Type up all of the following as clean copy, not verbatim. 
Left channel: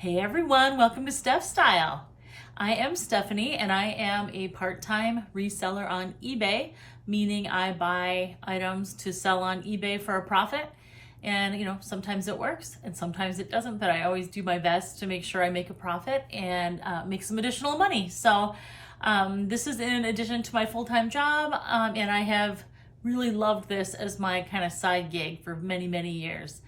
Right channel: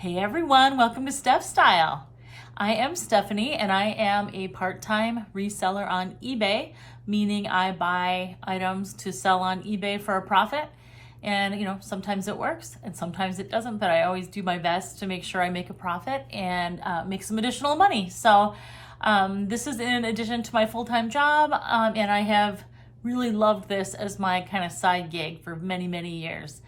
Hey everyone, welcome to Steph Style. I am Stephanie and I am a part-time reseller on eBay, meaning I buy items to sell on eBay for a profit. And sometimes it works and sometimes it doesn't, but I always do my best to make sure I make a profit and make some additional money. So this is in addition to my full-time job, and I have really loved this as my kind of side gig for many, many years.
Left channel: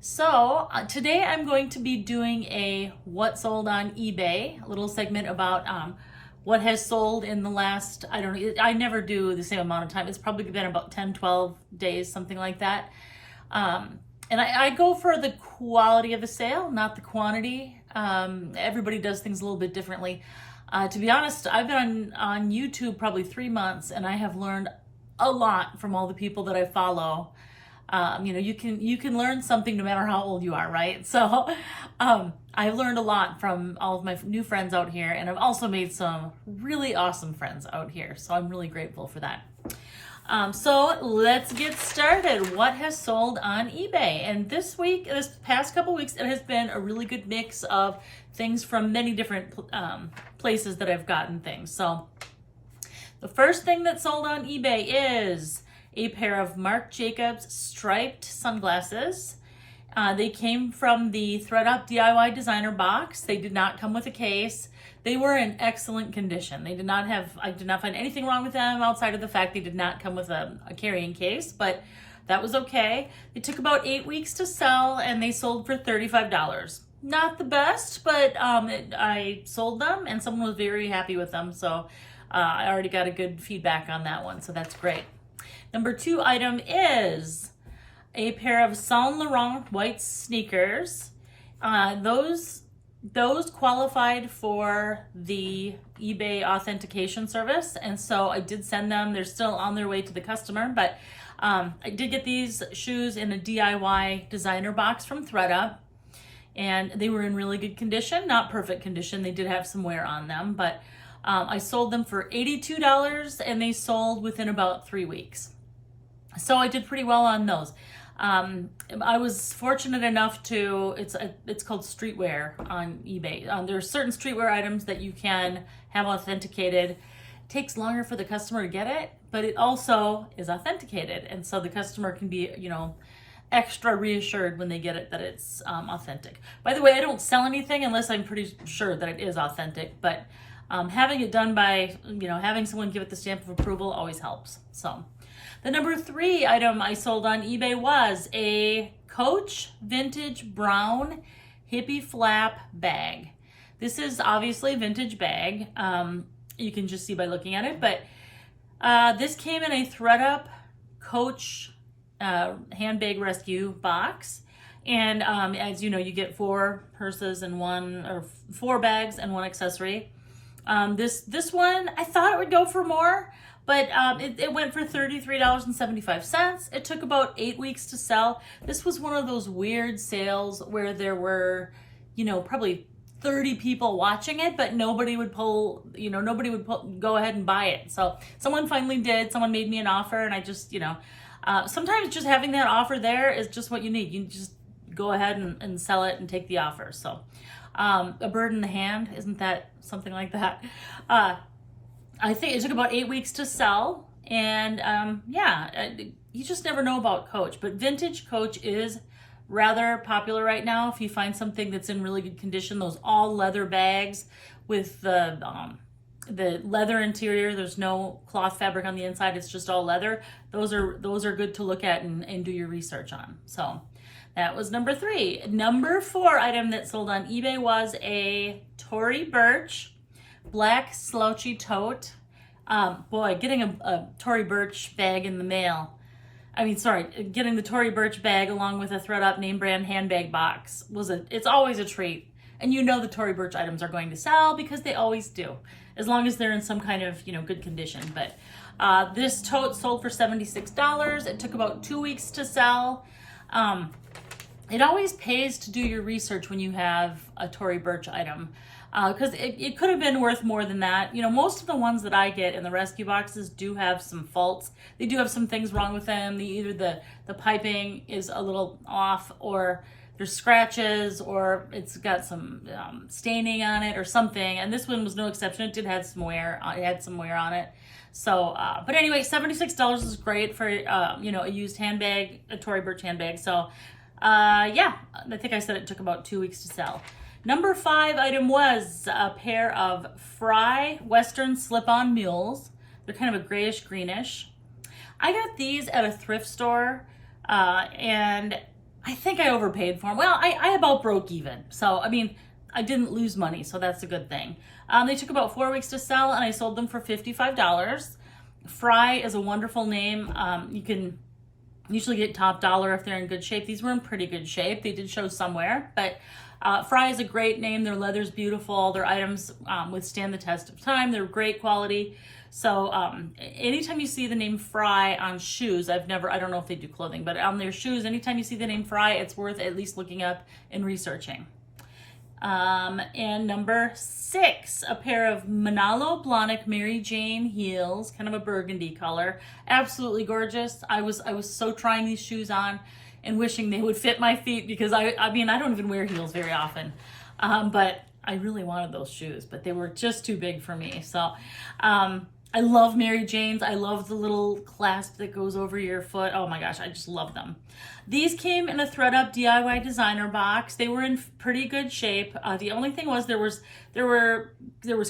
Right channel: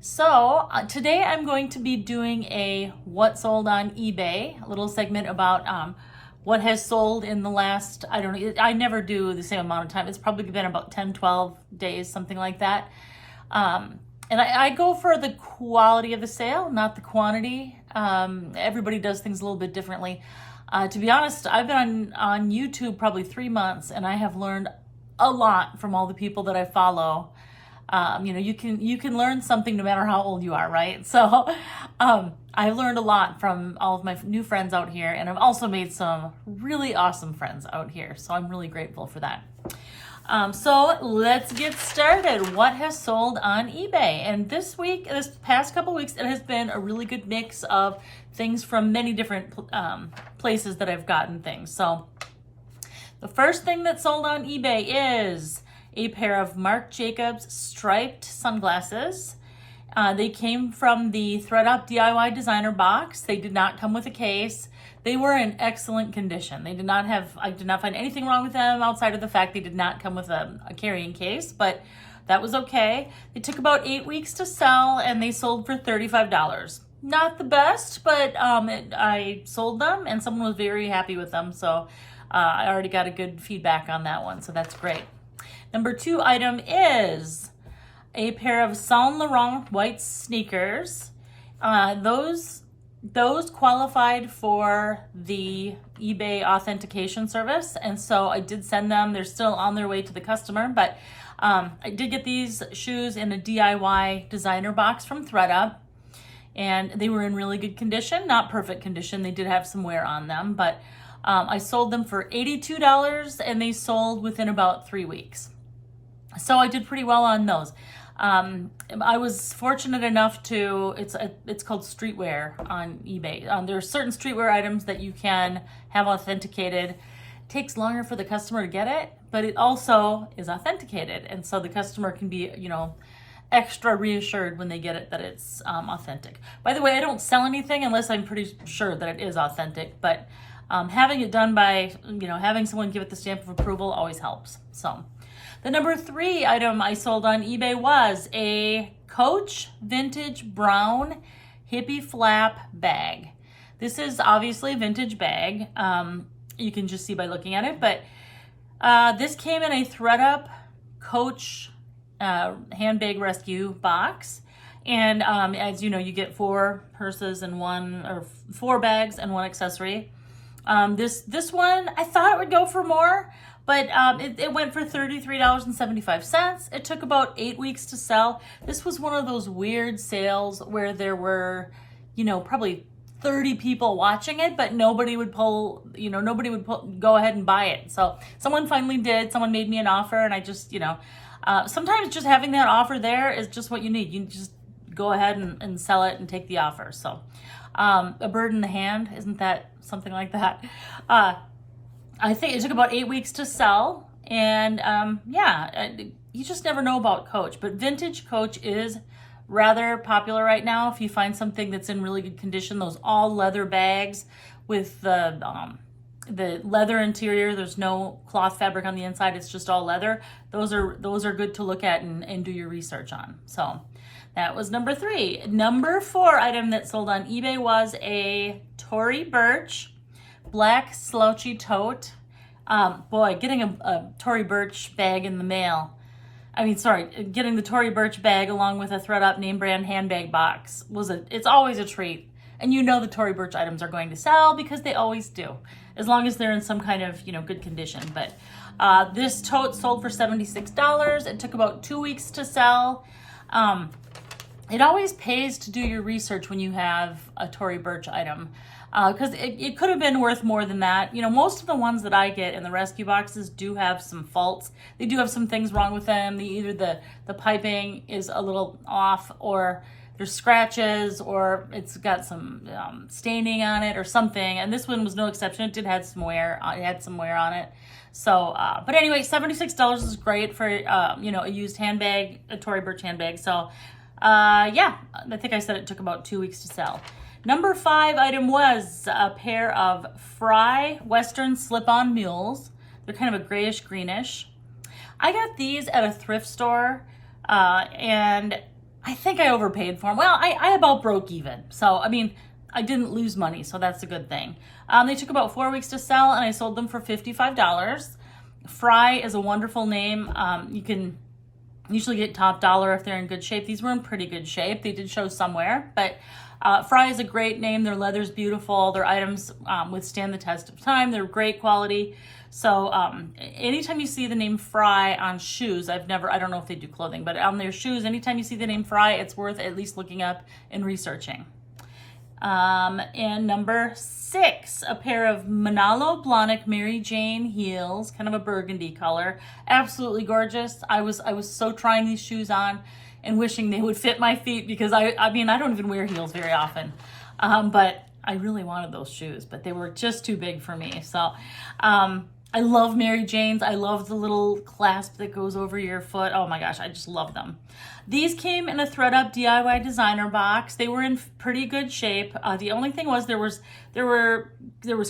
So today I'm going to be doing a what sold on eBay, a little segment about what has sold in the last, I don't know, I never do the same amount of time. It's probably been about 10, 12 days, something like that. And I go for the quality of the sale, not the quantity. Everybody does things a little bit differently. To be honest, I've been on YouTube probably 3 months and I have learned a lot from all the people that I follow. You can learn something no matter how old you are, right? So I've learned a lot from all of my new friends out here, and I've also made some really awesome friends out here. So I'm really grateful for that. So let's get started. What has sold on eBay? And this past couple weeks, it has been a really good mix of things from many different places that I've gotten things. So the first thing that sold on eBay is a pair of Marc Jacobs striped sunglasses. They came from the ThredUP DIY designer box. They did not come with a case. They were in excellent condition. I did not find anything wrong with them outside of the fact they did not come with a carrying case, but that was okay. It took about 8 weeks to sell and they sold for $35. Not the best, but I sold them and someone was very happy with them. So I already got a good feedback on that one, so that's great. Number 2 item is a pair of Saint Laurent white sneakers. Those qualified for the eBay authentication service, and so I did send them. They're still on their way to the customer, but I did get these shoes in a DIY designer box from ThredUP, and they were in really good condition, not perfect condition. They did have some wear on them, but I sold them for $82, and they sold within about 3 weeks. So I did pretty well on those. I was fortunate enough to, it's called streetwear on eBay. There are certain streetwear items that you can have authenticated. It takes longer for the customer to get it, but it also is authenticated. And so the customer can be, extra reassured when they get it that it's authentic. By the way, I don't sell anything unless I'm pretty sure that it is authentic, but having it done by, having someone give it the stamp of approval always helps. So the number 3 item I sold on eBay was a Coach vintage brown hippie flap bag. This is obviously a vintage bag. You can just see by looking at it, but this came in a ThredUP Coach handbag rescue box. And as you know, you get 4 purses and 4 bags and 1 accessory. This one, I thought it would go for more, but it went for $33.75. It took about 8 weeks to sell. This was one of those weird sales where there were, probably 30 people watching it, but nobody would go ahead and buy it. So someone finally did. Someone made me an offer, and I just, sometimes just having that offer there is just what you need. You just go ahead and sell it and take the offer. So a bird in the hand, isn't that something like that? I think it took about 8 weeks to sell, and you just never know about Coach, but vintage Coach is rather popular right now. If you find something that's in really good condition, those all leather bags with the leather interior, there's no cloth fabric on the inside, it's just all leather. Those are good to look at and do your research on. So that was number 3. Number 4 item that sold on eBay was a Tory Birch black slouchy tote. Boy, getting a Tory Birch bag in the mail. Getting the Tory Birch bag along with a ThredUP name brand handbag box it's always a treat. And the Tory Birch items are going to sell because they always do, as long as they're in some kind of, good condition. But this tote sold for $76. It took about 2 weeks to sell. It always pays to do your research when you have a Tory Birch item. Because it could have been worth more than that. Most of the ones that I get in the rescue boxes do have some faults. They do have some things wrong with them. Either the piping is a little off, or there's scratches or it's got some staining on it or something. And this one was no exception. It did have some wear. It had some wear on it. So, but anyway, $76 is great for, you know, a used handbag, a Tory Birch handbag. So, yeah, I think I said it took about 2 weeks to sell. Number 5 item was a pair of Fry Western slip-on mules. They're kind of a grayish greenish. I got these at a thrift store, and I think I overpaid for them. Well, I about broke even. So, I mean, I didn't lose money, so that's a good thing. They took about 4 weeks to sell, and I sold them for $55. Fry is a wonderful name. You can usually get top dollar if they're in good shape. These were in pretty good shape. They did show somewhere, but Fry is a great name. Their leather's beautiful. Their items withstand the test of time. They're great quality. So anytime you see the name Fry on shoes, I don't know if they do clothing, but on their shoes, anytime you see the name Fry, it's worth at least looking up and researching. And number 6, a pair of Manalo Mary Jane heels, kind of a burgundy color. Absolutely gorgeous. I was so trying these shoes on and wishing they would fit my feet because I mean, I don't even wear heels very often. But I really wanted those shoes, but they were just too big for me. So, I love Mary Janes. I love the little clasp that goes over your foot. Oh my gosh, I just love them. These came in a ThredUP DIY designer box. They were in pretty good shape. The only thing was there was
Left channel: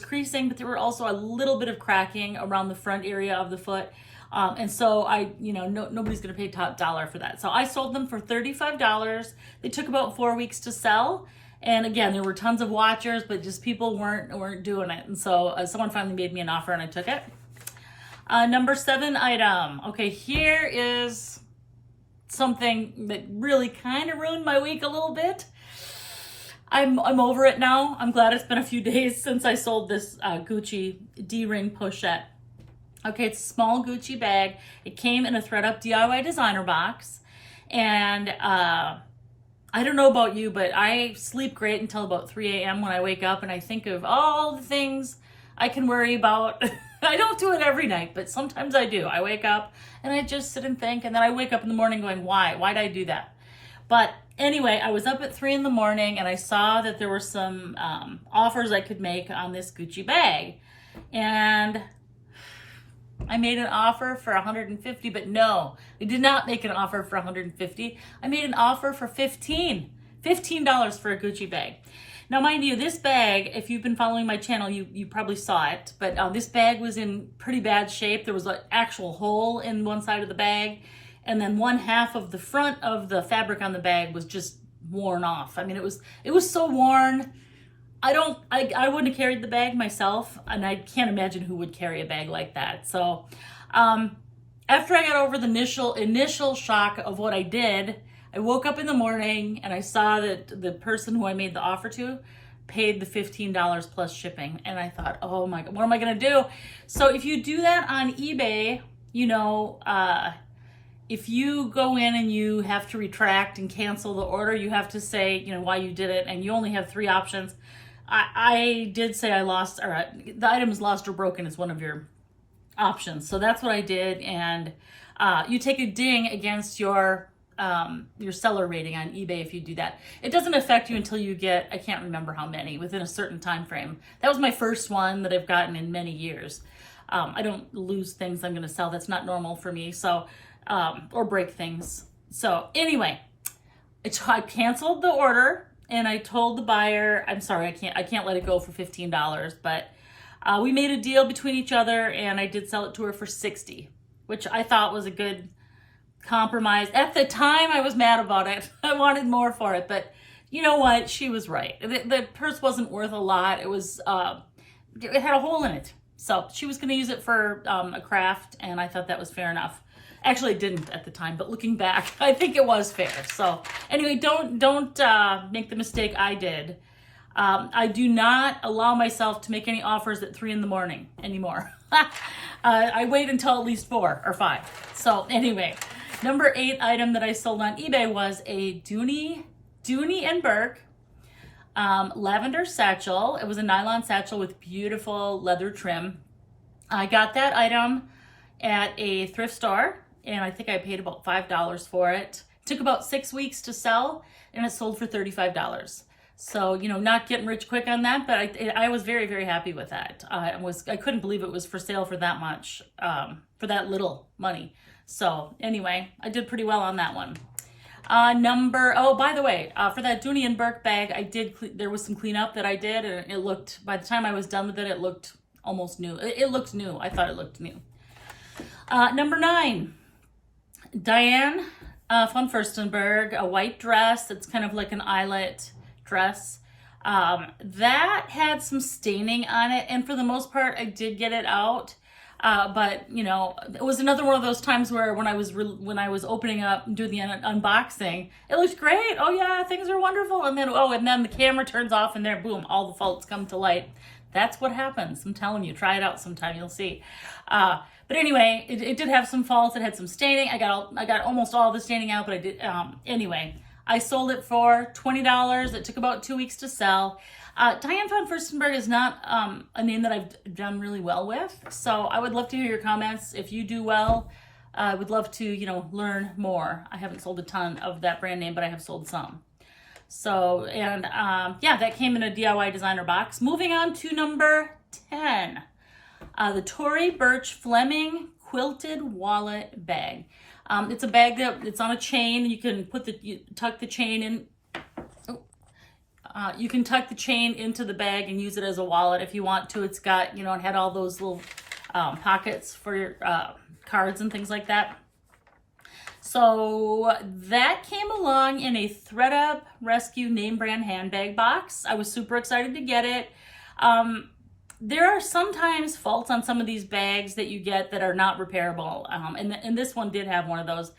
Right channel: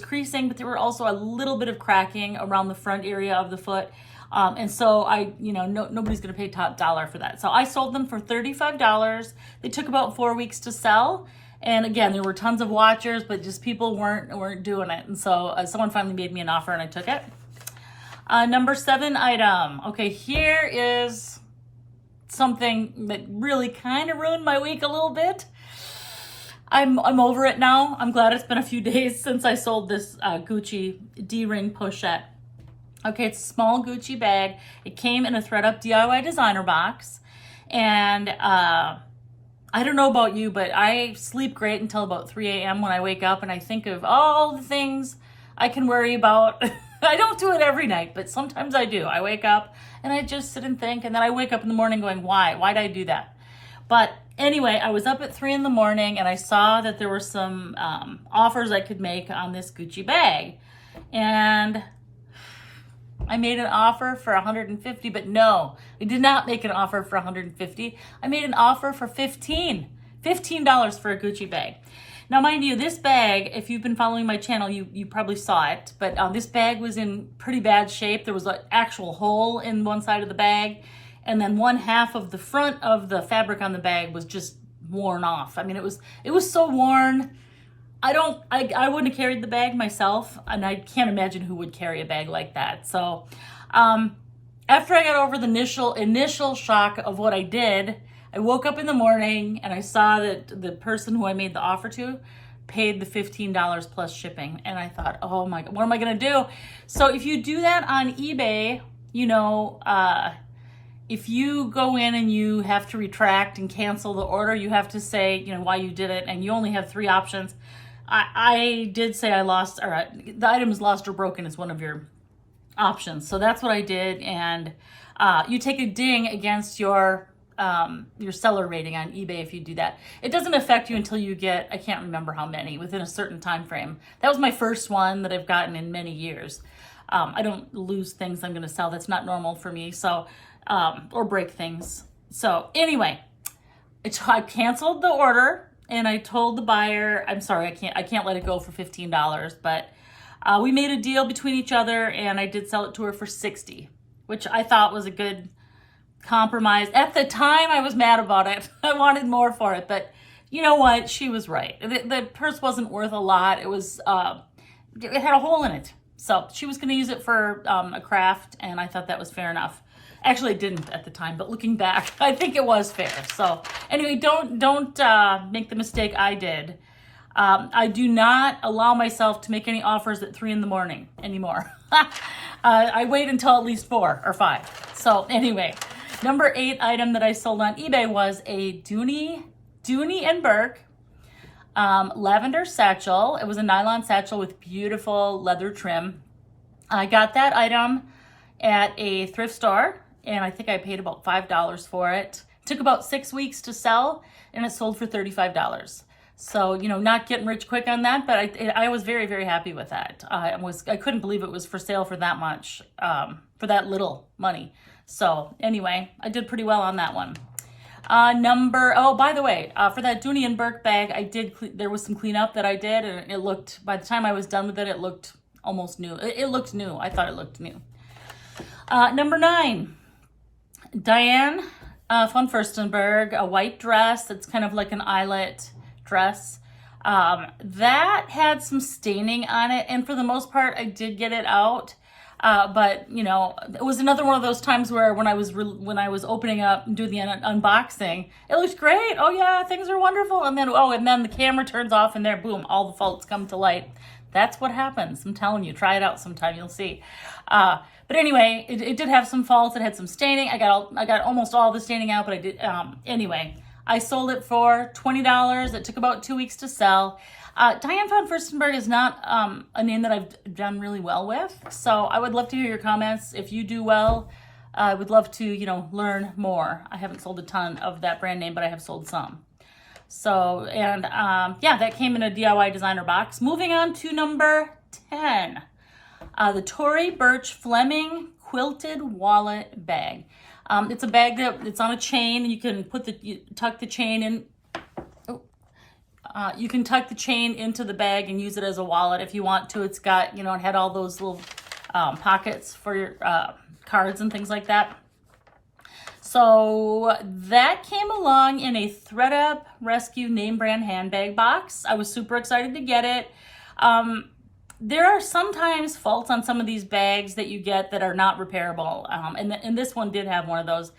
creasing, but there were also a little bit of cracking around the front area of the foot. And so nobody's gonna pay top dollar for that. So I sold them for $35. They took about 4 weeks to sell. And again, there were tons of watchers, but just people weren't doing it. And so someone finally made me an offer and I took it. Number 7 item. Okay, here is something that really kind of ruined my week a little bit. I'm over it now. I'm glad it's been a few days since I sold this Gucci D-ring pochette. Okay, it's a small Gucci bag. It came in a ThredUP DIY designer box. And I don't know about you, but I sleep great until about 3 a.m. when I wake up and I think of all the things I can worry about. I don't do it every night, but sometimes I do. I wake up and I just sit and think, and then I wake up in the morning going, why? Why did I do that? But anyway, I was up at 3 in the morning and I saw that there were some offers I could make on this Gucci bag. And I made an offer for $150, but no, I did not make an offer for $150. I made an offer for $15 for a Gucci bag. Now, mind you, this bag, if you've been following my channel, you probably saw it, but this bag was in pretty bad shape. There was an actual hole in one side of the bag, and then one half of the front of the fabric on the bag was just worn off. I mean, it was so worn. I wouldn't have carried the bag myself, and I can't imagine who would carry a bag like that. So, after I got over the initial shock of what I did, I woke up in the morning and I saw that the person who I made the offer to paid the $15 plus shipping. And I thought, oh my God, what am I gonna do? So if you do that on eBay, if you go in and you have to retract and cancel the order, you have to say, why you did it, and you only have 3 options. I did say I lost, or the item is lost or broken is one of your options. So that's what I did. And you take a ding against your seller rating on eBay if you do that. It doesn't affect you until you get, I can't remember how many, within a certain time frame. That was my first one that I've gotten in many years. I don't lose things I'm gonna sell. That's not normal for me. So, or break things. So anyway, I canceled the order and I told the buyer, I'm sorry, I can't let it go for $15, but we made a deal between each other and I did sell it to her for $60, which I thought was a good compromise. At the time, I was mad about it. I wanted more for it, but you know what? She was right. The purse wasn't worth a lot. It was, it had a hole in it. So she was going to use it for a craft, and I thought that was fair enough. Actually, it didn't at the time, but looking back, I think it was fair. So anyway, don't make the mistake I did. I do not allow myself to make any offers at 3 in the morning anymore. I wait until at least 4 or 5. So anyway, number 8 item that I sold on eBay was a Dooney and Burke lavender satchel. It was a nylon satchel with beautiful leather trim. I got that item at a thrift store, and I think I paid about $5 for it. Took about 6 weeks to sell, and it sold for $35. So, you know, not getting rich quick on that, but I was very, very happy with that. I couldn't believe it was for sale for that much, for that little money. So anyway, I did pretty well on that one. Oh, by the way, for that Dooney and Burke bag, there was some cleanup that I did, and it looked, by the time I was done with it, it looked almost new. It looked new. I thought it looked new. Number 9, Diane von Firstenberg, a white dress. It's kind of like an eyelet dress. That had some staining on it, and for the most part, I did get it out. But you know, it was another one of those times where when I was opening up and doing the unboxing, it looked great. Oh yeah, things are wonderful. And then the camera turns off, and there, boom, all the faults come to light. That's what happens. I'm telling you, try it out sometime. You'll see. But anyway, it did have some faults. It had some staining. I got almost all the staining out, but I did. Anyway, I sold it for $20. It took about 2 weeks to sell. Diane von Firstenberg is not a name that I've done really well with, so I would love to hear your comments. If you do well, I would love to, you know, learn more. I haven't sold a ton of that brand name, but I have sold some. So, and yeah, that came in a DIY designer box. Moving on to number 10, the Tory Birch Fleming Quilted Wallet Bag. It's a bag it's on a chain. You can tuck the chain in. You can tuck the chain into the bag and use it as a wallet if you want to. It's got, you know, it had all those little pockets for your cards and things like that. So that came along in a ThredUP Rescue name brand handbag box. I was super excited to get it. There are sometimes faults on some of these bags that you get that are not repairable. And this one did have one of those.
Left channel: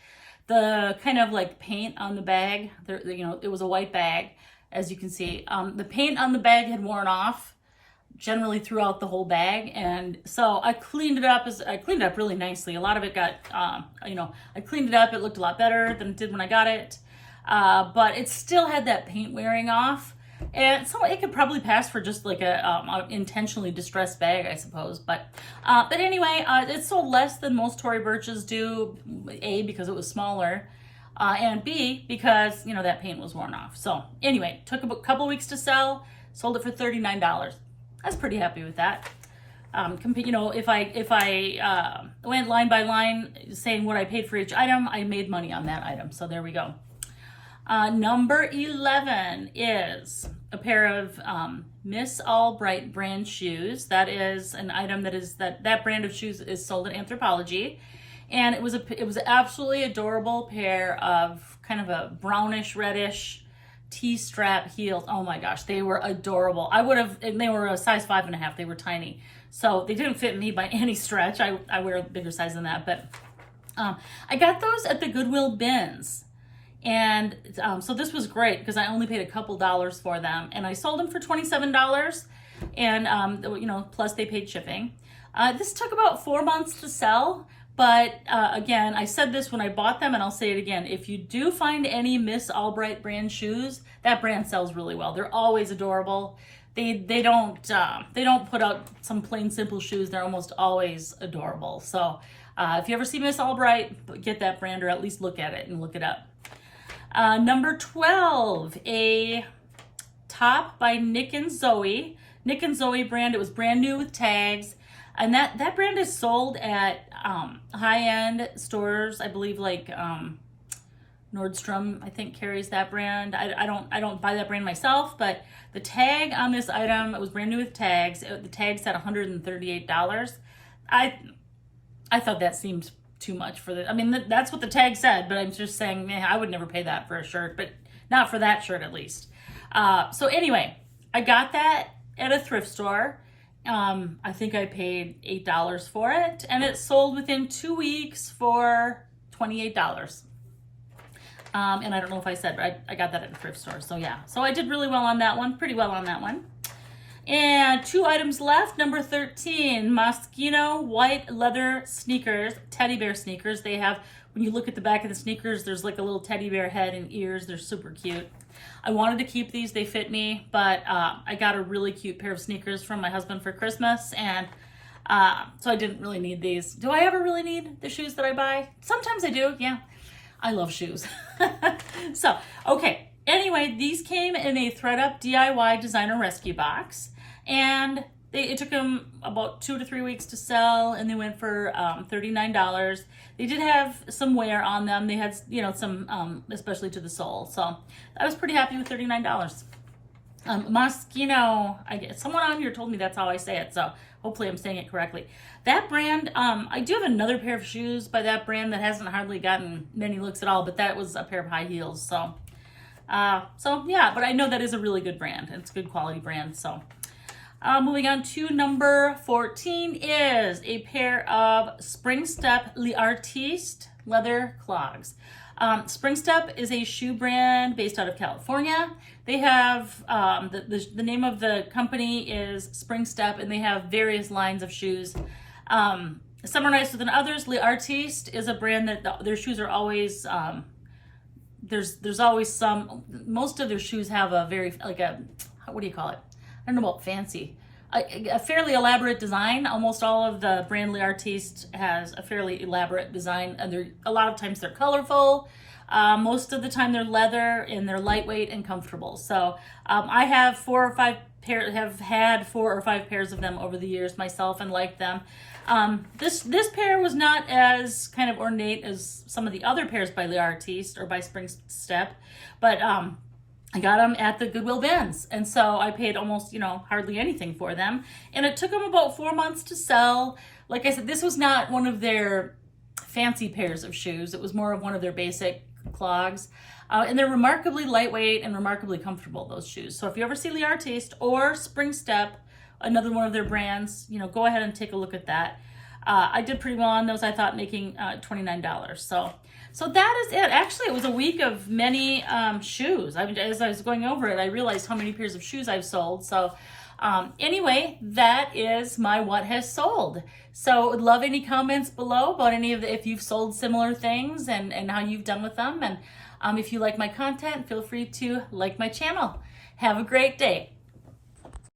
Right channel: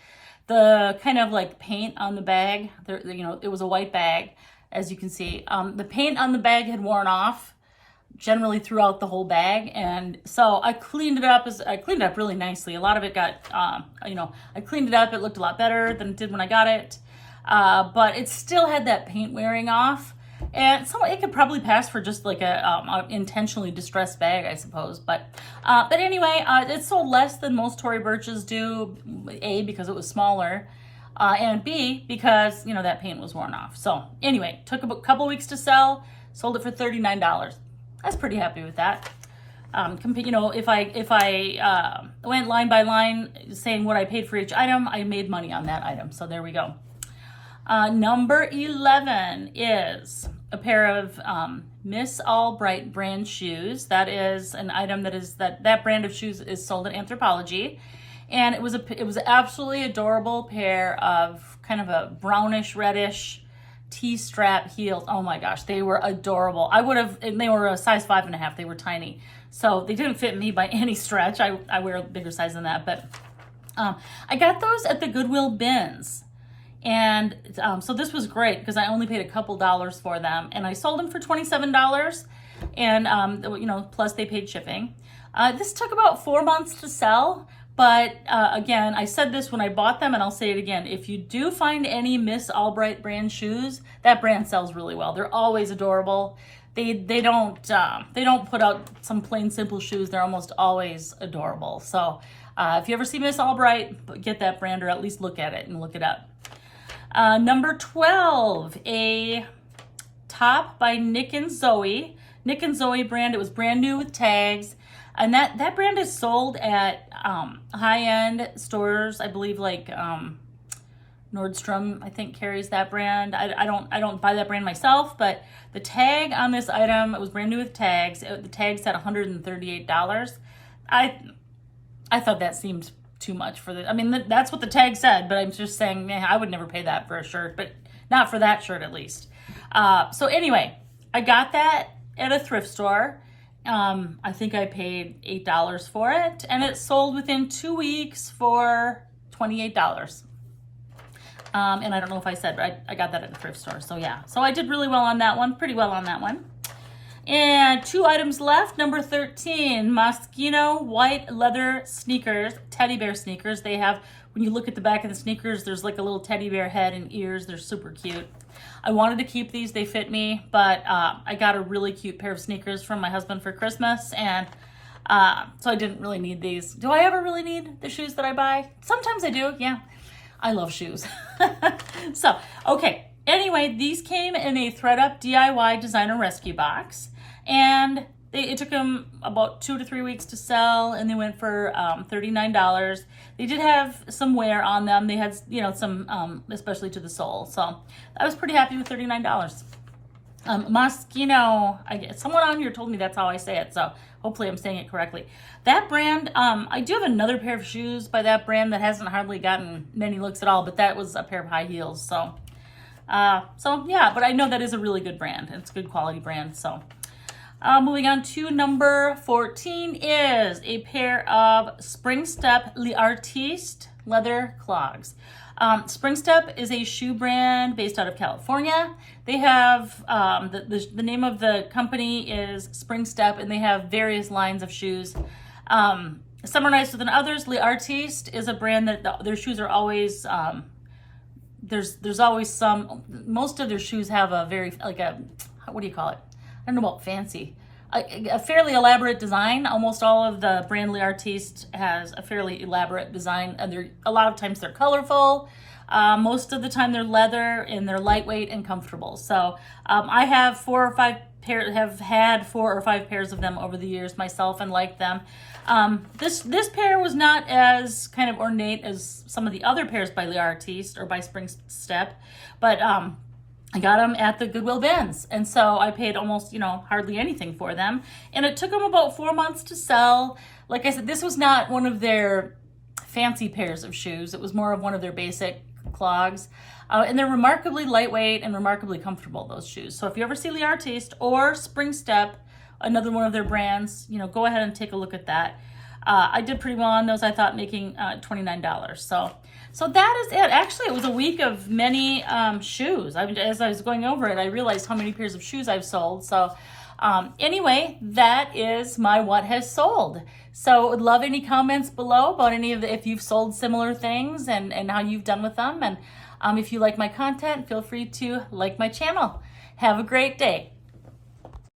The kind of like paint on the bag, you know, it was a white bag, as you can see. The paint on the bag had worn off generally throughout the whole bag. And so I cleaned it up really nicely. A lot of it got, you know, I cleaned it up. It looked a lot better than it did when I got it. But it still had that paint wearing off. And so it could probably pass for just like a intentionally distressed bag, I suppose. But anyway, it sold less than most Tory Birches do. A, because it was smaller, and B, because, you know, that paint was worn off. So anyway, took a couple weeks to sell. Sold it for $39. I was pretty happy with that. You know, if I went line by line saying what I paid for each item, I made money on that item. So there we go. Number 11 is a pair of Miss Albright brand shoes. That is an item that brand of shoes is sold at Anthropologie, and it was absolutely adorable pair of kind of a brownish reddish T-strap heels. Oh my gosh, they were adorable. They were a size 5.5. They were tiny, so they didn't fit me by any stretch. I wear a bigger size than that, but I got those at the Goodwill bins. And so this was great because I only paid a couple dollars for them, and I sold them for $27, and you know, plus they paid shipping. This took about 4 months to sell, but again, I said this when I bought them, and I'll say it again. If you do find any Miss Albright brand shoes, that brand sells really well. They're always adorable. They don't put out some plain simple shoes. They're almost always adorable. So if you ever see Miss Albright, get that brand, or at least look at it and look it up. Number 12, a top by Nick and Zoe. Nick and Zoe brand. It was brand new with tags. And that brand is sold at high-end stores. I believe like Nordstrom, I think, carries that brand. I don't buy that brand myself, but the tag on this item, it was brand new with tags. The tag said $138. I thought that seemed too much for the, I mean, that's what the tag said, but I'm just saying, man, I would never pay that for a shirt, but not for that shirt at least. So anyway, I got that at a thrift store. I think I paid $8 for it, and it sold within 2 weeks for $28. And I don't know if I said, but I got that at the thrift store. So yeah, so I did really well on that one, pretty well on that one. And 2 items left. Number 13, Moschino white leather sneakers, teddy bear sneakers. They have, when you look at the back of the sneakers, there's like a little teddy bear head and ears. They're super cute. I wanted to keep these. They fit me, but I got a really cute pair of sneakers from my husband for Christmas, and so I didn't really need these. Do I ever really need the shoes that I buy? Sometimes I do, yeah. I love shoes. So, okay. Anyway, these came in a ThredUP DIY designer rescue box, and it took them about 2 to 3 weeks to sell, and they went for $39. They did have some wear on them. They had, you know, some, especially to the sole. So I was pretty happy with $39. Moschino, someone on here told me that's how I say it, so hopefully I'm saying it correctly. That brand, I do have another pair of shoes by that brand that hasn't hardly gotten many looks at all, but that was a pair of high heels. So yeah, but I know that is a really good brand. It's a good quality brand. So moving on to number 14 is a pair of Springstep L'Artiste leather clogs. Springstep is a shoe brand based out of California. They have, the name of the company is Springstep, and they have various lines of shoes. Some are nicer than others. L'Artiste is a brand that their shoes are always, there's always some, most of their shoes have a very, like a, what do you call it? I don't know about fancy. A fairly elaborate design. Almost all of the brand L'Artiste has a fairly elaborate design, and a lot of times they're colorful. Most of the time they're leather, and they're lightweight and comfortable. So I have had 4 or 5 pairs of them over the years myself, and like them. This pair was not as kind of ornate as some of the other pairs by L'Artiste or by Springstep, but I got them at the Goodwill bins, and so I paid almost, hardly anything for them, and it took them about 4 months to sell. Like I said, this was not one of their fancy pairs of shoes. It was more of one of their basic clogs, and they're remarkably lightweight and remarkably comfortable, those shoes. So if you ever see L'Artiste or Springstep, another one of their brands, go ahead and take a look at that. I did pretty well on those, I thought, making $29. So that is it. Actually, it was a week of many shoes. As I was going over it, I realized how many pairs of shoes I've sold. So anyway, that is my what has sold. So would love any comments below about any of if you've sold similar things and how you've done with them. And if you like my content, feel free to like my channel. Have a great day.